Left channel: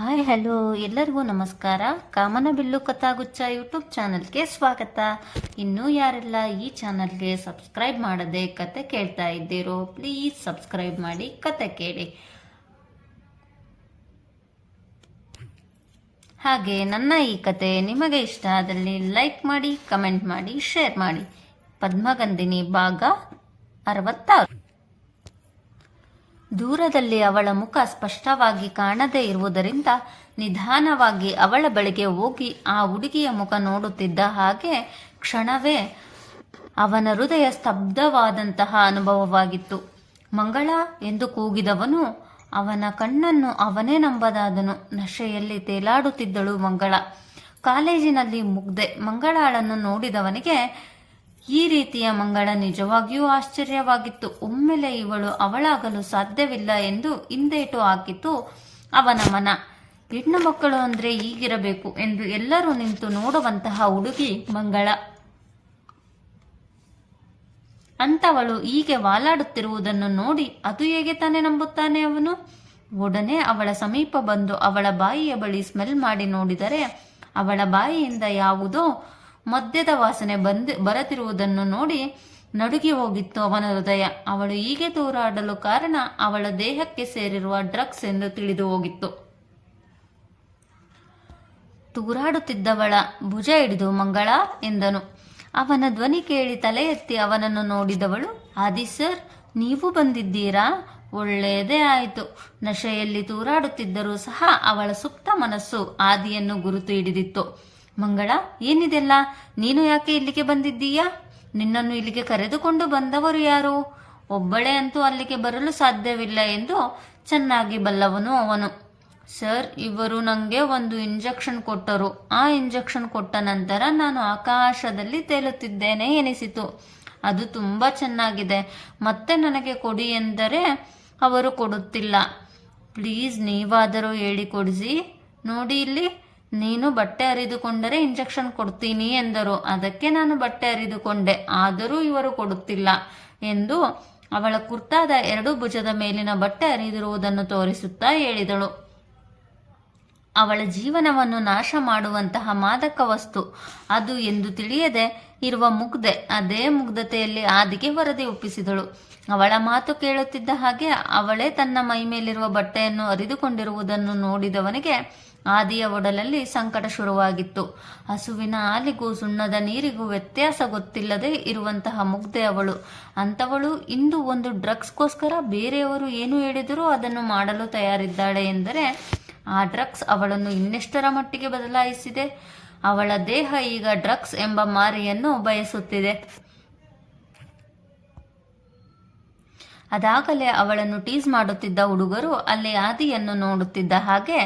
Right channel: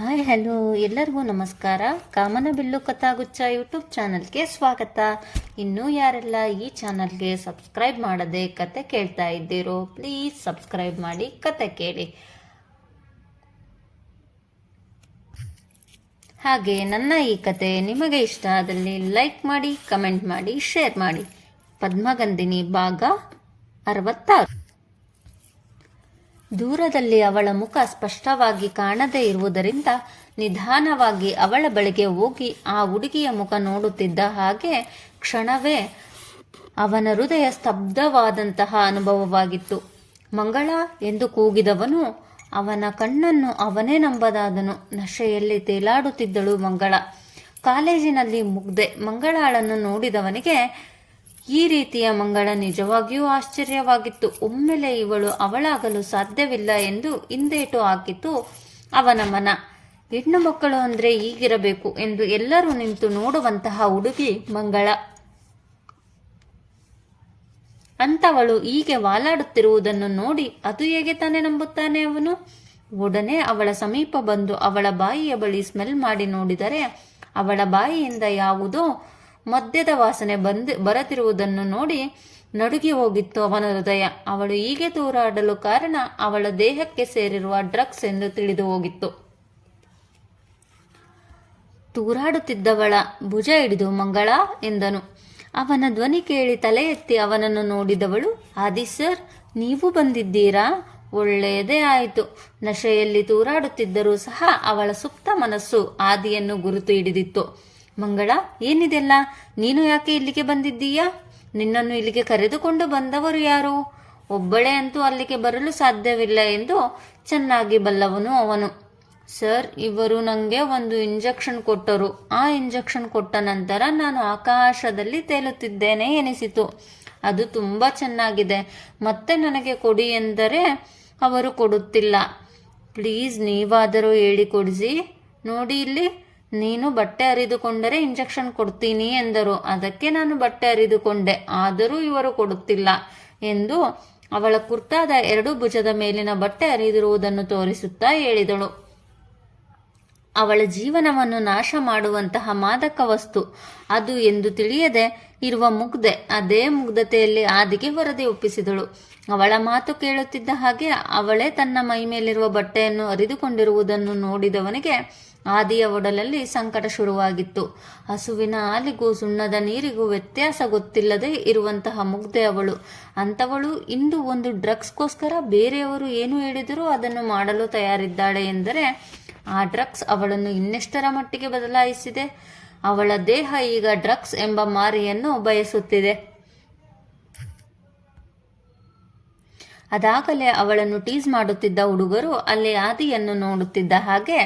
Hi hello ಎಲ್ಲರಿಗೂ ನಮಸ್ಕಾರ. ಕಾಮನಬಿಲ್ಲು ಕಥಾಗುಚ್ಛ YouTube ಚಾನಲ್ಗೆ ಸ್ವಾಗತ. ಇನ್ನೂ ಯಾರೆಲ್ಲ ಈ ಚಾನಲ್ಗೆ ಸಬ್ಸ್ಕ್ರೈಬ್ ಮಾಡದೆ ಕತೆ ಕೇಳ್ತಾ ಇದ್ದೀರೋ ಪ್ಲೀಸ್ ಸಬ್ಸ್ಕ್ರೈಬ್ ಮಾಡಿ ಕತೆ ಕೇಳಿ. ಹಾಗೆ ನನ್ನ ಈ ಕತೆ ನಿಮಗೆ ಇಷ್ಟ ಆದಲ್ಲಿ ಲೈಕ್ ಮಾಡಿ, ಕಮೆಂಟ್ ಮಾಡಿ, ಶೇರ್ ಮಾಡಿ. ಪದ್ಮಗಂಧಿನಿ ಭಾಗ 66. ದೂರದಲ್ಲಿ ಅವಳ ಮುಖ ಸ್ಪಷ್ಟವಾಗಿ ಕಾಣದೇ ಇರುವುದರಿಂದ ನಿಧಾನವಾಗಿ ಅವಳ ಬಳಿಗೆ ಹೋಗಿ ಆ ಹುಡುಗಿಯ ಮುಖ ನೋಡುತ್ತಿದ್ದ ಹಾಗೆ ಕ್ಷಣವೇ ಅವನ ಹೃದಯ ಸ್ತಬ್ಧವಾದಂತಹ ಅನುಭವವಾಗಿತ್ತು. ಮಂಗಳ ಎಂದು ಕೂಗಿದವನು ಅವನ ಕಣ್ಣನ್ನು ಅವನೇ ನಂಬದಾದನು. ನಶೆಯಲ್ಲಿ ತೇಲಾಡುತ್ತಿದ್ದಳು ಮಂಗಳ. ಕಾಲೇಜಿನಲ್ಲಿ ಮುಗ್ದೆ ಮಂಗಳಾಳನ್ನು ನೋಡಿದವನಿಗೆ ಈ ರೀತಿಯ ಮಂಗಳ ನಿಜವಾಗಿಯೂ ಆಶ್ಚರ್ಯವಾಗಿತ್ತು. ಒಮ್ಮೆಲೆ ಇವಳು ಅವಳಾಗಲು ಸಾಧ್ಯವಿಲ್ಲ ಎಂದು ಹಿಂದೇಟು ಹಾಕಿತು ಅವನ ಮನ. ಹೆಣ್ಣು ಮಕ್ಕಳು ಅಂದ್ರೆ ಹೀಗಿರಬೇಕು ಎಂದು ಎಲ್ಲರೂ ನಿಂತು ನೋಡುವಂತಹ ಹುಡುಗಿ ಮಂಗಳ. ಅಂತವಳು ಹೀಗೆ ವಾಲಾಡುತ್ತಿರುವುದನ್ನು ನೋಡಿ ಅದು ಹೇಗೆ ತಾನೇ ನಂಬುತ್ತಾನೆ ಅವನು? ಒಡನೆ ಅವಳ ಸಮೀಪ ಬಂದು ಅವಳ ಬಾಯಿಯ ಬಳಿ ಸ್ಮೆಲ್ ಮಾಡಿ ನೋಡಿದರೆ ಅವಳ ಬಾಯಿಯಿಂದ ಯಾವುದೋ ಮದ್ಯದ ವಾಸನೆ ಬರುತ್ತಿರುವುದನ್ನು ನೋಡಿ ನಡುಗಿ ಹೋಗಿತ್ತು ಅವನ ಹೃದಯ. ಅವಳು ಹೀಗೆ ತೂರಾಡಲು ಕಾರಣ ಅವಳ ದೇಹಕ್ಕೆ ಸೇರಿರುವ ಡ್ರಗ್ಸ್ ಎಂದು ತಿಳಿದು ಹೋಗಿತ್ತು. ತೂರಾಡುತ್ತಿದ್ದವಳ ಭುಜ ಹಿಡಿದು ಮಂಗಳ ಎಂದನು. ಅವನ ಧ್ವನಿ ಕೇಳಿ ತಲೆ ಎತ್ತಿ ಅವನನ್ನು ನೋಡಿದವಳು, ಆದಿ ಸರ್, ನೀವು ಬಂದಿದ್ದೀರಾ? ಒಳ್ಳೆಯದೇ ಆಯಿತು. ನಶೆಯಲ್ಲಿ ತೂರಾಡುತ್ತಿದ್ದರೂ ಸಹ ಅವಳ ಸುಪ್ತ ಮನಸ್ಸು ಆದಿಯನ್ನು ಗುರುತು ಹಿಡಿದಿತ್ತು. ಮಂಗಳ, ಏನಿದೆಲ್ಲ? ನೀನು ಯಾಕೆ ಇಲ್ಲಿಗೆ ಬಂದಿದ್ದೀಯಾ? ನಿನ್ನನ್ನು ಇಲ್ಲಿಗೆ ಕರೆದುಕೊಂಡು ಬಂದವರು ಯಾರು? ಒಬ್ಬಳೇ ಅಂತೂ ಅಲ್ಲಿಗೆ ಬರಲು ಸಾಧ್ಯವಿಲ್ಲ ಎಂದು ಚೆನ್ನಾಗಿ ಬಲ್ಲವನು ಅವನು. ಸರ್, ಇವರು ನನಗೆ ಒಂದು ಇಂಜೆಕ್ಷನ್ ಕೊಟ್ಟರು. ಆ ಇಂಜೆಕ್ಷನ್ ಕೊಟ್ಟ ನಂತರ ನಾನು ಆಕಾಶದಲ್ಲಿ ತೇಲುತ್ತಿದ್ದೇನೆ ಎನಿಸಿತು. ಅದು ತುಂಬಾ ಚೆನ್ನಾಗಿದೆ. ಮತ್ತೆ ನನಗೆ ಕೊಡಿ ಎಂದರೆ ಅವರು ಕೊಡುತ್ತಿಲ್ಲ. ಪ್ಲೀಸ್ ನೀವಾದರೂ ಹೇಳಿಕೊಡಿಸಿ. ನೋಡಿ ಇಲ್ಲಿ, ನೀನು ಬಟ್ಟೆ ಹರಿದುಕೊಂಡರೆ ಇಂಜೆಕ್ಷನ್ ಕೊಡ್ತೀನಿ ಎಂದರು. ಅದಕ್ಕೆ ನಾನು ಬಟ್ಟೆ ಹರಿದುಕೊಂಡೆ. ಆದರೂ ಇವರು ಕೊಡುತ್ತಿಲ್ಲ ಎಂದು ಅವಳ ಕುರ್ತಾದ ಎರಡು ಭುಜದ ಮೇಲಿನ ಬಟ್ಟೆ ಹರಿದಿರುವುದನ್ನು ತೋರಿಸುತ್ತಾ ಹೇಳಿದಳು. ಅವಳ ಜೀವನವನ್ನು ನಾಶ ಮಾಡುವಂತಹ ಮಾದಕ ವಸ್ತು ಅದು ಎಂದು ತಿಳಿಯದೆ ಇರುವ ಮುಗ್ಧೆ ಅದೇ ಮುಗ್ಧತೆಯಲ್ಲಿ ಆದಿಗೆ ವರದಿ ಒಪ್ಪಿಸಿದಳು. ಅವಳ ಮಾತು ಕೇಳುತ್ತಿದ್ದ ಹಾಗೆ ಅವಳೇ ತನ್ನ ಮೈ ಮೇಲಿರುವ ಬಟ್ಟೆಯನ್ನು ಹರಿದುಕೊಂಡಿರುವುದನ್ನು ನೋಡಿದವನಿಗೆ ಆದಿಯ ಒಡಲಲ್ಲಿ ಸಂಕಟ ಶುರುವಾಗಿತ್ತು. ಹಸುವಿನ ಹಾಲಿಗೂ ಸುಣ್ಣದ ನೀರಿಗೂ ವ್ಯತ್ಯಾಸ ಗೊತ್ತಿಲ್ಲದೆ ಇರುವಂತಹ ಮುಗ್ಧೆ ಅವಳು. ಅಂತವಳು ಇಂದು ಒಂದು ಡ್ರಗ್ಸ್ಗೋಸ್ಕರ ಬೇರೆಯವರು ಏನು ಹೇಳಿದರೂ ಅದನ್ನು ಮಾಡಲು ತಯಾರಿದ್ದಾಳೆ ಎಂದರೆ ಆ ಡ್ರಗ್ಸ್ ಅವಳನ್ನು ಇನ್ನೆಷ್ಟರ ಮಟ್ಟಿಗೆ ಬದಲಾಯಿಸಿದೆ. ಅವಳ ದೇಹ ಈಗ ಡ್ರಗ್ಸ್ ಎಂಬ ಮಾರಿಯನ್ನು ಬಯಸುತ್ತಿದೆ. ಅದಾಗಲೇ ಅವಳನ್ನು ಟೀಸ್ ಮಾಡುತ್ತಿದ್ದ ಹುಡುಗರು ಅಲ್ಲಿ ಆದಿಯನ್ನು ನೋಡುತ್ತಿದ್ದ ಹಾಗೆ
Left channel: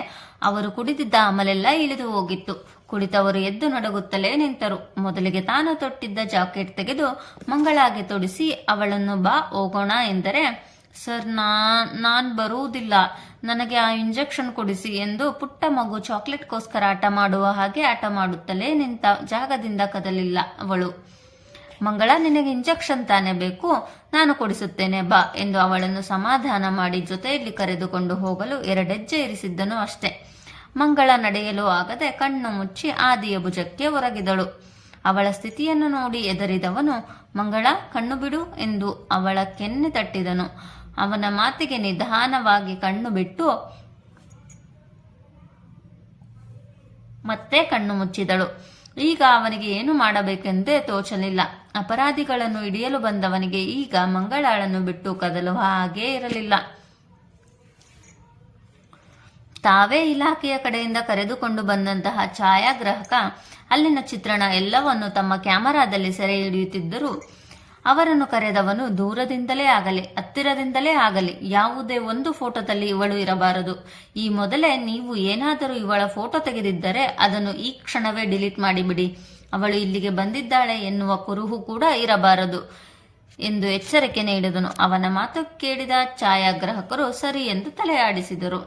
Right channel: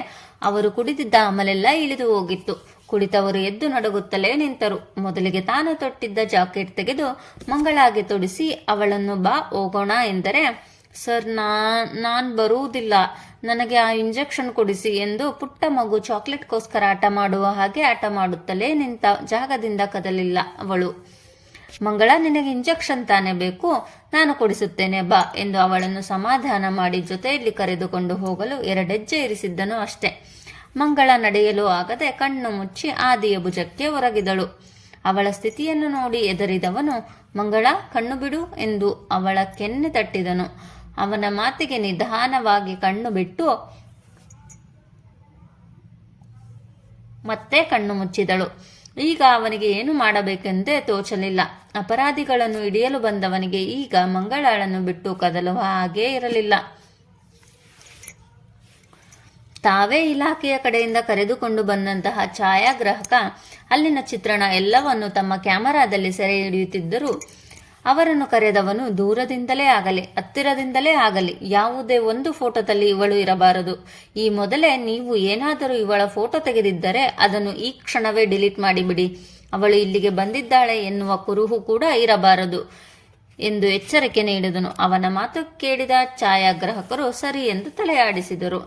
ಅವರು ಕುಡಿದಿದ್ದ ಅಮಲೆಲ್ಲ ಇಳಿದು ಹೋಗಿತ್ತು. ಕುಳಿತವರು ಎದ್ದು ನಡುಗುತ್ತಲೇ ನಿಂತರು. ಮೊದಲಿಗೆ ತಾನು ತೊಟ್ಟಿದ್ದ ಜಾಕೆಟ್ ತೆಗೆದು ಮಂಗಳಾಗೆ ತೊಡಿಸಿ ಅವಳನ್ನು ಬಾ ಹೋಗೋಣ ಎಂದರೆ, ಸರ್, ನಾನ್ ಬರುವುದಿಲ್ಲ, ನನಗೆ ಆ ಇಂಜೆಕ್ಷನ್ ಕೊಡಿಸಿ ಎಂದು ಪುಟ್ಟ ಮಗು ಚಾಕ್ಲೇಟ್ಗೋಸ್ಕರ ಆಟ ಮಾಡುವ ಹಾಗೆ ಆಟ ಮಾಡುತ್ತಲೇ ನಿಂತ. ಜಾಗದಿಂದ ಕದಲಿಲ್ಲ ಅವಳು. ಮಂಗಳ, ನಿನಗೆ ಇಂಜೆಕ್ಷನ್ ತಾನೇ ಬೇಕು, ನಾನು ಕೊಡಿಸುತ್ತೇನೆ ಬಾ ಎಂದು ಅವಳನ್ನು ಸಮಾಧಾನ ಮಾಡಿ ಜೊತೆಯಲ್ಲಿ ಕರೆದುಕೊಂಡು ಹೋಗಲು ಎರಡೆಜ್ಜೆ ಇರಿಸಿದ್ದನು ಅಷ್ಟೇ. ಮಂಗಳ ನಡೆಯಲು ಆಗದೆ ಕಣ್ಣು ಮುಚ್ಚಿ ಆದಿಯ ಭುಜಕ್ಕೆ ಒರಗಿದಳು. ಅವಳ ಸ್ಥಿತಿಯನ್ನು ನೋಡಿ ಎದರಿದವನು, ಮಂಗಳ, ಕಣ್ಣು ಬಿಡು ಎಂದು ಅವಳ ಕೆನ್ನೆ ತಟ್ಟಿದನು. ಅವನ ಮಾತಿಗೆ ನಿಧಾನವಾಗಿ ಕಣ್ಣು ಬಿಟ್ಟು ಮತ್ತೆ ಕಣ್ಣು ಮುಚ್ಚಿದಳು. ಈಗ ಅವನಿಗೆ ಏನು ಮಾಡಬೇಕೆಂದೇ ತೋಚಲಿಲ್ಲ. ಅಪರಾಧಿಗಳನ್ನು ಹಿಡಿಯಲು ಬಂದವನಿಗೆ ಈಗ ಮಂಗಳಾಳನ್ನು ಬಿಟ್ಟು ಕದಲುವ ಹಾಗೇ ಇರಲಿಲ್ಲ. ತಾವೇ ಇಲಾಖೆಯ ಕಡೆಯಿಂದ ಕರೆದುಕೊಂಡು ಬಂದಂತಹ ಛಾಯಾಗ್ರಾಹಕ ಅಲ್ಲಿನ ಚಿತ್ರಣ ಎಲ್ಲವನ್ನು ತಮ್ಮ ಕ್ಯಾಮರಾದಲ್ಲಿ ಸೆರೆ ಹಿಡಿಯುತ್ತಿದ್ದರು. ಅವರನ್ನು ಕರೆದವನು ದೂರದಿಂದಲೇ ಆಗಲಿ ಹತ್ತಿರದಿಂದಲೇ ಆಗಲಿ ಯಾವುದೇ ಒಂದು ಫೋಟೋದಲ್ಲಿ ಇವಳು ಇರಬಾರದು. ಈ ಮೊದಲೇ ನೀವು ಏನಾದರೂ ಇವಳ ಫೋಟೋ ತೆಗೆದಿದ್ದರೆ ಅದನ್ನು ಈ ಕ್ಷಣವೇ ಡಿಲೀಟ್ ಮಾಡಿಬಿಡಿ. ಅವಳು ಇಲ್ಲಿಗೆ ಬಂದಿದ್ದಾಳೆ ಎನ್ನುವ ಕುರುಹು ಕೂಡ ಇರಬಾರದು ಎಂದು ಎಚ್ಚರಿಕೆ ನೀಡಿದನು. ಅವನ ಮಾತು ಕೇಳಿದ ಛಾಯಾಗ್ರಾಹಕರು ಸರಿ ಎಂದು ತಲೆಯಾಡಿಸಿದರು.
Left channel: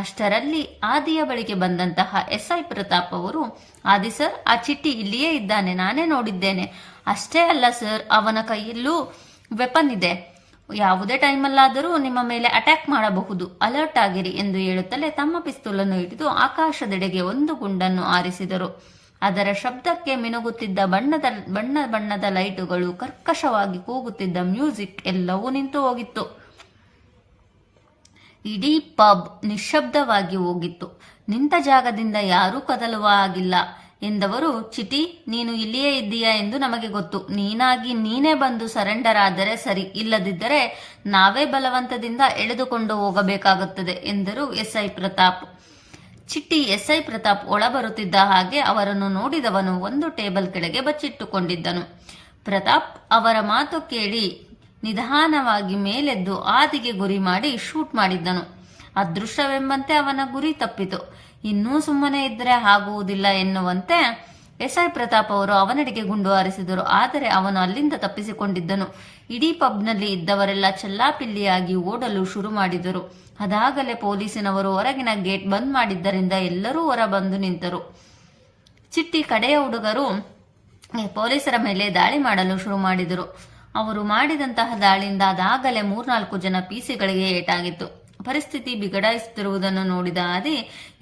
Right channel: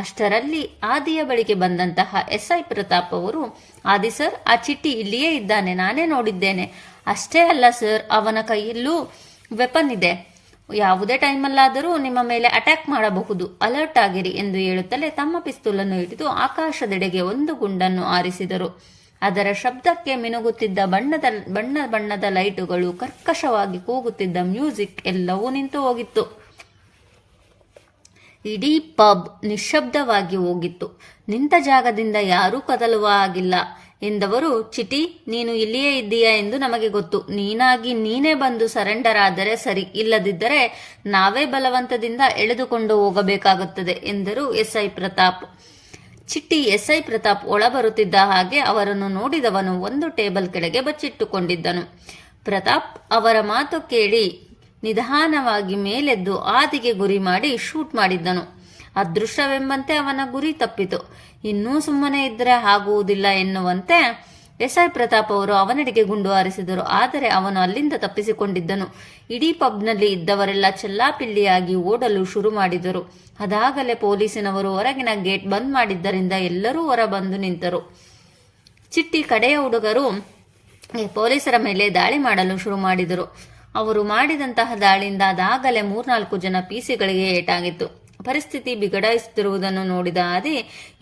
ಅಷ್ಟರಲ್ಲಿ ಆದಿಯ ಬಳಿಗೆ ಬಂದಂತಹ SI ಪ್ರತಾಪ್ ಅವರು, ಆದಿ ಸರ್, ಆ ಚಿಟ್ಟಿ ಇಲ್ಲಿಯೇ ಇದ್ದಾನೆ, ನಾನೇ ನೋಡಿದ್ದೇನೆ. ಅಷ್ಟೇ ಅಲ್ಲ ಸರ್, ಅವನ ಕೈಯಲ್ಲೂ ವೆಪನ್ ಇದೆ ಯಾವುದೇ ಟೈಮಲ್ಲಾದರೂ ನಿಮ್ಮ ಮೇಲೆ ಅಟ್ಯಾಕ್ ಮಾಡಬಹುದು, ಅಲರ್ಟ್ ಆಗಿರಿ ಎಂದು ಹೇಳುತ್ತಲೇ ತಮ್ಮ ಪಿಸ್ತೂಲನ್ನು ಹಿಡಿದು ಆಕಾಶದೆಡೆಗೆ ಒಂದು ಗುಂಡನ್ನು ಆರಿಸಿದರು. ಅದರ ಶಬ್ದಕ್ಕೆ ಮಿನುಗುತ್ತಿದ್ದ ಬಣ್ಣದ ಲೈಟುಗಳು, ಕರ್ಕಶವಾಗಿ ಕೂಗುತ್ತಿದ್ದ ಮ್ಯೂಸಿಕ್ ಎಲ್ಲವೂ ನಿಂತು ಹೋಗಿತ್ತು. ಇಡೀ ಪಬ್ ನಿಶ್ಶಬ್ದವಾಗಿ ಹೋಗಿತ್ತು. ನಿಂತ ಜಾಗದಿಂದ ಯಾರೂ ಕದಲುವ ಆಗಿಲ್ಲ. ಎಂದವರು, ಚಿಟಿ, ನೀನು ಇಲ್ಲಿಯೇ ಇದ್ದೀಯಾ ಎಂದು ನಮಗೆ ಗೊತ್ತು. ನೀನೇ ಬಂದು ಸರೆಂಡರ್ ಆದರೆ ಸರಿ, ಇಲ್ಲದಿದ್ದರೆ ನಾವೇ ಬಲವಂತದಿಂದ ಎಳೆದುಕೊಂಡು ಹೋಗಬೇಕಾಗುತ್ತದೆ ಎಂದರು ಎಸ್ಐ ಪ್ರತಾಪ್. ಚಿಟ್ಟಿ ಎಸ್ಐ ಪ್ರತಾಪ್ ಒಳ ಬರುತ್ತಿದ್ದ ಹಾಗೆ ಅವರನ್ನು ನೋಡಿದವನು ಒಂದು ಟೇಬಲ್ ಕೆಳಗೆ ಬಚ್ಚಿಟ್ಟುಕೊಂಡಿದ್ದನು. ಪ್ರತಾಪ್ ಅವರ ಮಾತು ಕೇಳಿ ನಿಧಾನವಾಗಿ ಮೇಲೆದ್ದು ಆದಿಗೆ ಗುರಿ ಮಾಡಿ ಶೂಟ್ ಮಾಡಿದ್ದನು. ಅದೃಷ್ಟವೆಂಬಂತೆ ಅವನ ಗುರಿ ತಪ್ಪಿತು. ಇನ್ನೂ ಸುಮ್ಮನೆ ಇದ್ದರೆ ಆಗುವುದಿಲ್ಲ ಎನ್ನುವಂತೆ ಎಸ್ಐ ಪ್ರತಾಪ್ ಅವರು ಅವನೆಡೆಗೆ ಗುಂಡು ಹಾರಿಸಿದರು. ಆದರೆ ಅವನು ಅಲ್ಲಿಂದ ತಪ್ಪಿಸಿಕೊಂಡಿದ್ದನು. ಇಡೀ ಪಬ್ನಲ್ಲಿ ಇದ್ದವರೆಲ್ಲ ಚೆಲ್ಲಾಪಿಲ್ಲಿಯಾಗಿ ಓಡಲು ಶುರು ಮಾಡಿದರು. ಅದಾಗಲೇ ಪೊಲೀಸಿನವರು ಹೊರಗಿನ ಗೇಟ್ ಬಂದ್ ಮಾಡಿದ್ದರಿಂದ ಎಲ್ಲರೂ ಹೊರ ಬಂದು ನಿಂತರು. ಚಿಟ್ಟಿ ಕಡೆಯ ಹುಡುಗರು ಪೊಲೀಸರ ಮೇಲೆ ದಾಳಿ ಮಾಡಲು ಶುರು ಮಾಡಿದರು. ಅವರು ಮಾಡಿದಂತಹ ದಾಳಿಯಿಂದ ಅದಾಗಲೇ 3-4 ಜನ ಪಿಸಿಗಳಿಗೆ ಏಟಾಗಿತ್ತು. ಪರಿಸ್ಥಿತಿ ಬಿಗಡಾಯಿಸುತ್ತಿರುವುದನ್ನು ನೋಡಿದ ಆದಿ,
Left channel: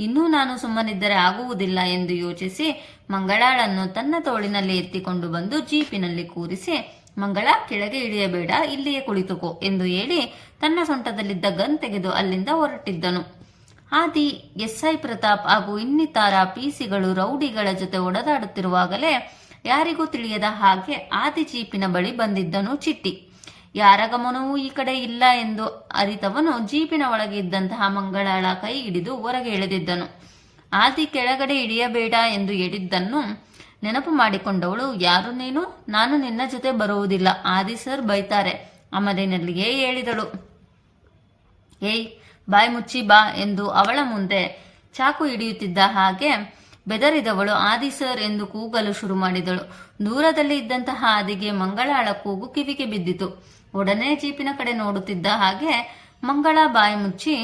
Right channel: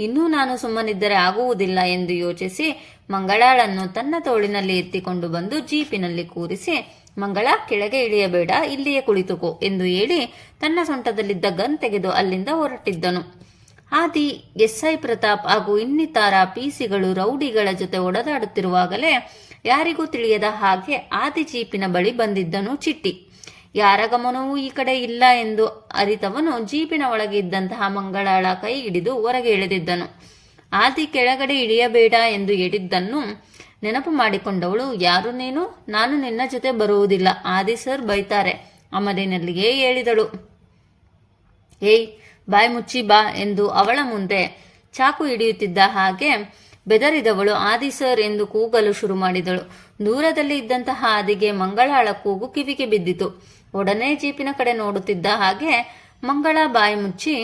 ಇನ್ನೂ ನಾನು ಸುಮ್ಮನಿದ್ದರೆ ಆಗುವುದಿಲ್ಲ ಎಂದು ಯೋಚಿಸಿ ಮಂಗಳಾಳನ್ನು ತನ್ನ ತೋಳಿನಲ್ಲಿ ಎತ್ತಿಕೊಂಡು ಬಂದು ಜೀಪಿನಲ್ಲಿ ಕೂರಿಸಿ, ಮಂಗಳ, ಕೆಳಗೆ ಇಳಿಯಬೇಡ, ಇಲ್ಲಿಯೇ ಕುಳಿತುಕೋ ಎಂದು ಹೇಳಿ ತನ್ನ ಸೊಂಟದಲ್ಲಿದ್ದ ಗನ್ ತೆಗೆದು ಅಲ್ಲಿಂದ ಹೊರಟಿದ್ದನು. ಆದಿ, ಎಸ್ಐ ಪ್ರತಾಪ್ ಹಾಗೂ ಇನ್ನಿತರ ಪಿಸಿಗಳು ರೌಡಿಗಳ ಜೊತೆ ಒಡೆದಾಡುತ್ತಿರುವಾಗಲೇ ಯಾರಿಗೂ ತಿಳಿಯದ ಹಾಗೆ ಆದಿ ಜೀಪಿನ ಬಳಿ ಬಂದಿದ್ದನು ಚಿಟ್ಟಿ. ಯಾರ ಗಮನವೂ ಈ ಕಡೆ ಇಲ್ಲ ಎಂದು ಅರಿತವನು ಜೀಪಿನ ಒಳಗೆ ಇದ್ದಂತಹ ಮಂಗಳಾಳ ಕೈ ಹಿಡಿದು ಹೊರಗೆ ಎಳೆದಿದ್ದನು. ಆದಿ ಕೆಳಗಡೆ ಇಳಿಯಬೇಡ ಎಂದು ಹೇಳಿದ್ದನ್ನು ನೆನಪು ಮಾಡಿಕೊಂಡವಳು, ಯಾರು ನೀನು? ನಾನು ನಿನ್ನ ಜೊತೆ ಬರುವುದಿಲ್ಲ, ಆದಿ ಸರ್ ಬೈತಾರೆ, ಅಮಲಿನಲ್ಲಿಗೆ ಹೇಳಿದಳು. ಏಯ್, ಬಾಯ್ ಮುಚ್ಚಿ ಬಾ ಎಂದು ಅವಳ ಮುಂದೆ ಚಾಕು ಹಿಡಿಯುತ್ತಿದ್ದ ಹಾಗೆ ಬೆದರಿದವಳು ಆದಿ ಸರ್ ಎಂದು ಕೂಗಲು ಶುರು ಮಾಡಿದಳು. ದೂರದಲ್ಲಿ ಇದ್ದಂತಹ ಆದಿಗೆ ಮಂಗಳಾಳ ಕೂಗು ಕಿವಿಗೆ ಬಿದ್ದಿತು. ಒಡನೆ ಜೀಪಿನ ಕಡೆ ನೋಡುತ್ತಿದ್ದ ಹಾಗೆ ಮಂಗಳ ಬಾಯಿ ಮುಚ್ಚಿ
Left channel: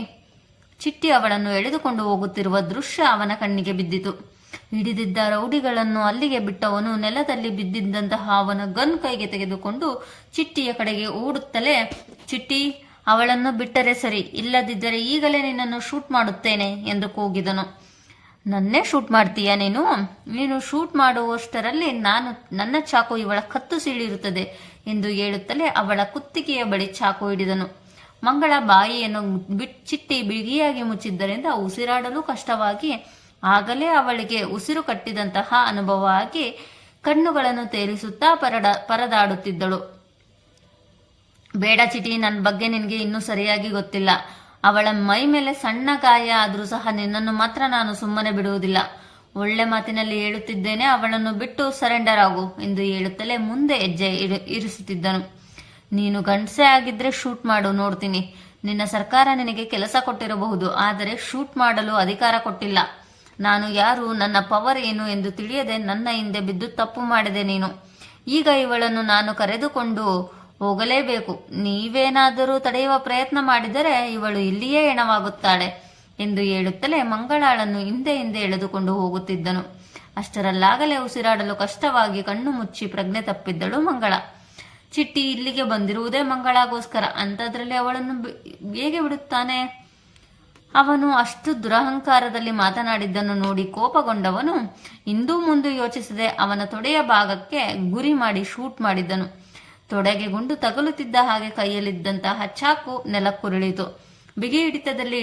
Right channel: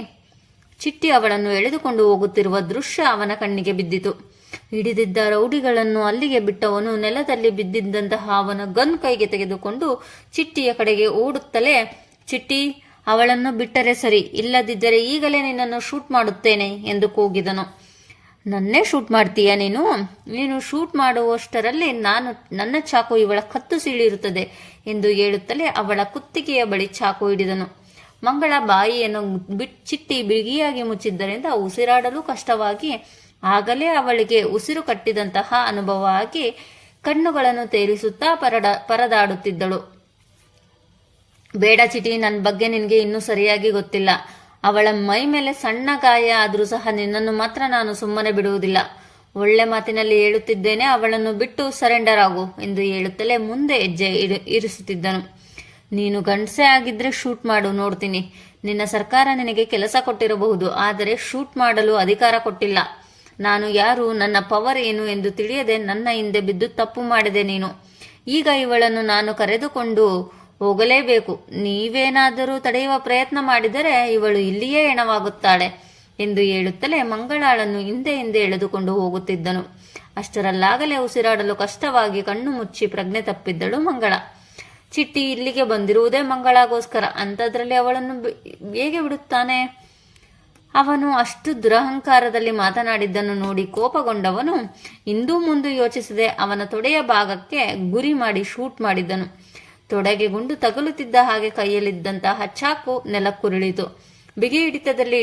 ಚಿಟ್ಟಿ ಅವಳನ್ನು ಎಳೆದುಕೊಂಡು ಹೋಗುತ್ತಿರುವ ದೃಶ್ಯ ಅವನ ಕಣ್ಣಿಗೆ ಬಿದ್ದಿತು. ಹಿಡಿದಿದ್ದ ರೌಡಿಗಳನ್ನು ಅಲ್ಲಿಗೆ ಬಿಟ್ಟವನು ನೆಲದಲ್ಲಿ ಬಿದ್ದಿದ್ದಂತಹ ಅವನ ಗನ್ ಕೈಗೆ ತೆಗೆದುಕೊಂಡು ಚಿಟ್ಟಿಯ ಕಡೆಗೆ ಓಡುತ್ತಲೇ, ಚಿಟ್ಟಿ, ಅವಳನ್ನು ಬಿಟ್ಟರೆ ಸರಿ, ಇಲ್ಲದಿದ್ದರೆ ಈಗಲೇ ನಿನ್ನನ್ನು ಶೂಟ್ ಮಾಡುತ್ತೇನೆ ಎಂದು ಕೂಗಿದನು. ನನ್ನೇ ಶೂಟ್ ಮಾಡ್ತೀಯಾ ನೀನು? ನೀನು ಶೂಟ್ ಮಾಡುವಷ್ಟರಲ್ಲಿ ನನ್ನ ಚಾಕು ಇವಳ ಕತ್ತು ಸೀಳಿರುತ್ತದೆ ಎಂದು ಹೇಳುತ್ತಲೇ ಅವಳ ಕುತ್ತಿಗೆಯ ಬಳಿ ಚಾಕು ಹಿಡಿದನು. ಮಂಗಳ ಬಾಯಿಯನ್ನು ಚಿಟ್ಟಿ ಬಿಗಿಯಾಗಿ ಮುಚ್ಚಿದ್ದರಿಂದ ಉಸಿರಾಡಲು ಕಷ್ಟವಾಗಿ, ಆಗಲೇ ಅವಳಿಗೆ ಉಸಿರು ಕಟ್ಟಿದಂತಹ ಅನುಭವ ಆಗಿ ಕಣ್ಣುಗಳನ್ನು ತೇರಿಸುತ್ತಾ ಪರದಾಡುತ್ತಿದ್ದಳು. ಬೇಡ ಚಿಟಿ, ನನ್ನ ಬಗ್ಗೆ ನಿನಗೆ ಇನ್ನೂ ಸರಿಯಾಗಿ ಗೊತ್ತಿಲ್ಲ. ಅವಳ ಮೈ ಮೇಲೆ ಸಣ್ಣ ಗಾಯ ಆದರೂ ಸಹ ನಿನ್ನನ್ನು ಮಾತ್ರ ನಾನು ಸುಮ್ಮನೆ ಬಿಡುವುದಿಲ್ಲ. ಒಳ್ಳೆ ಮಾತಿನಲ್ಲಿ ಹೇಳುತ್ತಿದ್ದೇನೆ, ಅವಳನ್ನು ಬಿಟ್ಟು ಸರೆಂಡರ್ ಆಗು ಎಂದು ಹೇಳುತ್ತಲೇ ಮುಂದೆ ಹೆಜ್ಜೆ ಇರಿಸುತ್ತಿದ್ದನು. ನೀನು ಗಂಡಸೆ ಆಗಿದ್ರೆ ಶೂಟ್ ಮಾಡು, ನೋಡ್ತೀನಿ. ನಿನ್ನ ಸರ್ಕಾರ ನಿನಗೆ ಕೆಲಸ ಕೊಟ್ಟಿರಬಹುದು, ಆದರೆ ಶೂಟ್ ಮಾಡಲು ಅಧಿಕಾರ ಕೊಟ್ಟಿಲ್ಲ. ನಾನು ಯಾರು, ನನ್ನ ಪವರ್ ಏನು ಎಂದು ತಿಳಿಯದೆ ನನ್ನ ಹಿಂದೆ ಬಿದ್ದು ತಪ್ಪು ಮಾಡಿದೆ ನೀನು. ಈಗ ಇವಳನ್ನು ನಾನು ಕರೆದುಕೊಂಡು ಹೋಗಲೇಬೇಕು. ನೀವೇನಾದರೂ ತಡೆಯುವ ಪ್ರಯತ್ನ ಮಾಡಿದರೆ ಇವಳು ಇಲ್ಲಿಯೇ ಹೆಣವಾಗುತ್ತಾಳೆ ಎಂದು ಹೇಳುತ್ತಲೇ ಮಂಗಳಾಳನ್ನು ಹಿಂದೆ ಎಳೆದುಕೊಂಡು ಹೋಗುತ್ತಿದ್ದನು. ಅಷ್ಟರಲ್ಲಾಗಲೇ ಉಸಿರಾಡಲು ಕಷ್ಟವಾಗಿ ಕಣ್ಣು ಮುಚ್ಚಿ ಪ್ರಜ್ಞೆ ತಪ್ಪಿದ್ದಳು ಮಂಗಳ. ಚಿಟ್ಟಿ ಇಲ್ಲಿಗೆ ಬಂದಿರುವುದೇ ಮಂಗಳಾಗೋಸ್ಕರ, ಅಂಥದ್ರಲ್ಲಿ ಅವಳನ್ನು ಹೇಗೆ ಬಿಡುತ್ತಾನೆ? ಅವನು ಅಷ್ಟು ದುರಹಂಕಾರದಲ್ಲಿ ಮಾತನಾಡಿದ್ದನ್ನು ನೋಡಿ ಕೋಪಗೊಂಡವನು ಇಂದೂ ಮುಂದೆ ಯೋಚಿಸದೆ ಅವನ ತೊಡೆಯ ಭಾಗಕ್ಕೆ ಗುರಿ ಮಾಡಿ ಶೂಟ್ ಮಾಡಿದ್ದನು. ತೊಡೆಗೆ ಗುಂಡು ತಗುಲುತ್ತಿದ್ದ ಹಾಗೆ ಕೈಯಲ್ಲಿದ್ದಂತಹ ಚಾಕು ನೆಲಕ್ಕುರುಳಿತು. ಬಿಗಿ ಹಿಡಿತದಲ್ಲಿ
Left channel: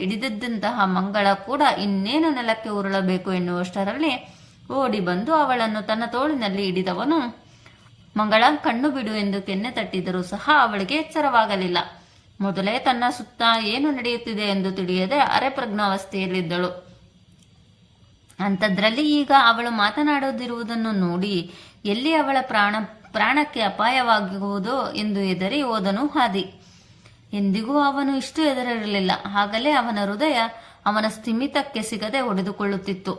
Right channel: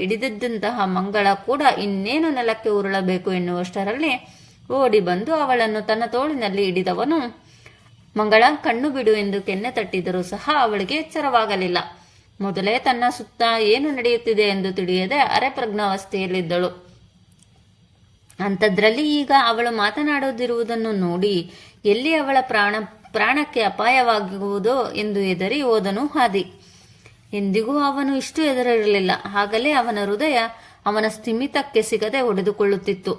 ಹಿಡಿದಿದ್ದಂತಹ ಮಂಗಳ ಕೂಡ ಇನ್ನೇನು ನೆಲಕ್ಕೆ ಉರುಳಬೇಕು ಎನ್ನುವಷ್ಟರಲ್ಲಿ ಓಡಿ ಬಂದು ಅವಳನ್ನು ತನ್ನ ತೋಳಿನಲ್ಲಿ ಹಿಡಿದವನು, ಮಂಗಳ, ಕಣ್ಣು ಬಿಡು ಎಂದು ಕೆನ್ನೆ ತಟ್ಟಿದರೂ ಸಹ ಅವಳಿಗೆ ಎಚ್ಚರವಾಗಲಿಲ್ಲ. ಮೊದಲೇ ತನ್ನ ಸುತ್ತ ಏನು ನಡೆಯುತ್ತಿದೆ ಎಂದು ತಿಳಿಯದೆ ಅರೆಪ್ರಜ್ಞಾವಸ್ಥೆಯಲ್ಲಿದ್ದಳು. ಅಂಥದ್ರಲ್ಲಿ ಈಗ ಅವಳು ಮಾತನಾಡದಿರುವುದನ್ನು ನೋಡಿ ಎಲ್ಲಿ ಅವಳ ಪ್ರಾಣಕ್ಕೆ ಅಪಾಯವಾಗುವುದೋ ಎಂದು ಹೆದರಿ ಹೋದನು ಆದಿ. ಎಂದಿಗೂ ಅವನು ಇಷ್ಟು ಹೆದರಿರಲಿಲ್ಲ. ಆಗಲೇ ಅವನ ಹೃದಯ ಅವನ ಸ್ಥಿಮಿತಕ್ಕೆ ಸಿಗದೆ ಹೊಡೆದುಕೊಳ್ಳುತ್ತಿತ್ತು.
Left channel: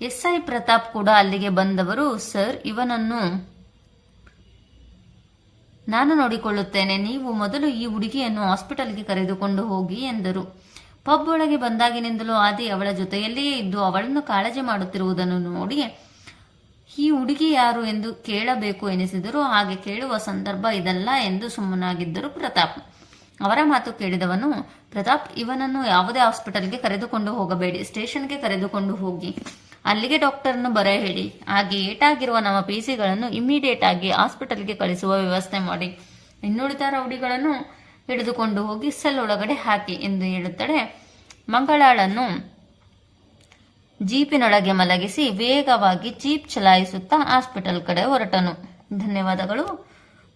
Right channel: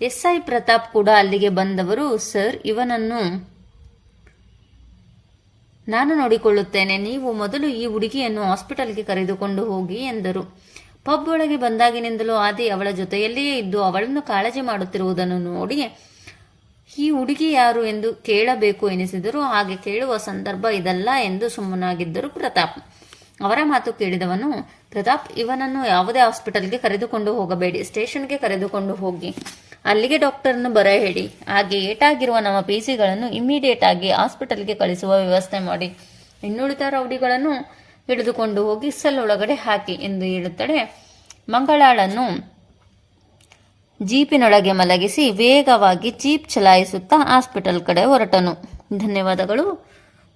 ಎಸ್ಐ ಪ್ರತಾಪ್ ಕೂಡ ಅಲ್ಲಿಗೆ ಬಂದವರು, ಸರ್, ಇವನನ್ನು ನಾನು ನೋಡಿಕೊಳ್ಳುತ್ತೇನೆ, ನೀವು ಮೊದಲು ಈ ಹುಡುಗಿಯನ್ನು ಹಾಸ್ಪಿಟಲ್ಗೆ ಕರೆದುಕೊಂಡು ಹೋಗಿ ಎಂದರು. ಪಬ್ ಒಳಗೆ ಬಂದಾಗಿನಿಂದಲೂ ಆದಿ ಅವಳ ಜೊತೆಯಲ್ಲಿಯೇ ಇದ್ದು ಅವಳನ್ನು ಕಾಳಜಿ ಮಾಡುತ್ತಿರುವುದನ್ನು ನೋಡಿ ಈ ಹುಡುಗಿ ಯಾರು ಎಂದು ಕೇಳಬೇಕು ಎನಿಸಿದರೂ ಹಾಗೆ ಕೇಳುವ ಸಂದರ್ಭ ಇದಲ್ಲ ಎಂದು ಸುಮ್ಮನಾಗಿದ್ದರು ಪ್ರತಾಪ್. ಅವರ ಮಾತು ಕೇಳಿದವನು, ಪ್ರತಾಪ್, ಇವನನ್ನು ಯಾವುದೇ ಹಾಸ್ಪಿಟಲ್ಗೆ ಕರೆದುಕೊಂಡು ಹೋಗಬೇಡಿ, ಸ್ಟೇಷನ್ಗೆ ಕರೆದುಕೊಂಡು ಹೋಗಿ ಅಲ್ಲಿಗೆ ಡಾಕ್ಟರ್ನು ಬರ ಹೇಳಿ. ಹಾಗೆ ಏಟಾಗಿರುವ ನಮ್ಮ ಪಿಸಿಗಳನ್ನು ಇಮ್ಮಿಡಿಯೇಟ್ ಆಗಿ ಹಾಸ್ಪಿಟಲ್ಗೆ ಕಳಿಸುವ ವ್ಯವಸ್ಥೆ ಮಾಡಿ. ಇನ್ನುಳಿದ ರೌಡಿಗಳನ್ನು ಹಿಡಿದುಕೊಂಡು ಹೋಗಿ ಸೆಲ್ ಒಳಗಡೆ ಹಾಕಿ ಎಂದು ಹೇಳುತ್ತಡೆ ಮಂಗಳಾಳನ್ನು ಜೀಪಿನೊಳಗೆ ಮಲಗಿಸಿ ವೇಗವಾಗಿ ಜೀಪ್ ಚಲಾಯಿಸುತ್ತಾ ಹಾಸ್ಪಿಟಲ್ ಕಡೆ ಹೊರಟನು. ಧನ್ಯವಾದಗಳು.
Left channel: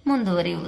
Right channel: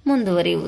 ಮುಂದುವರಿಯುವುದು.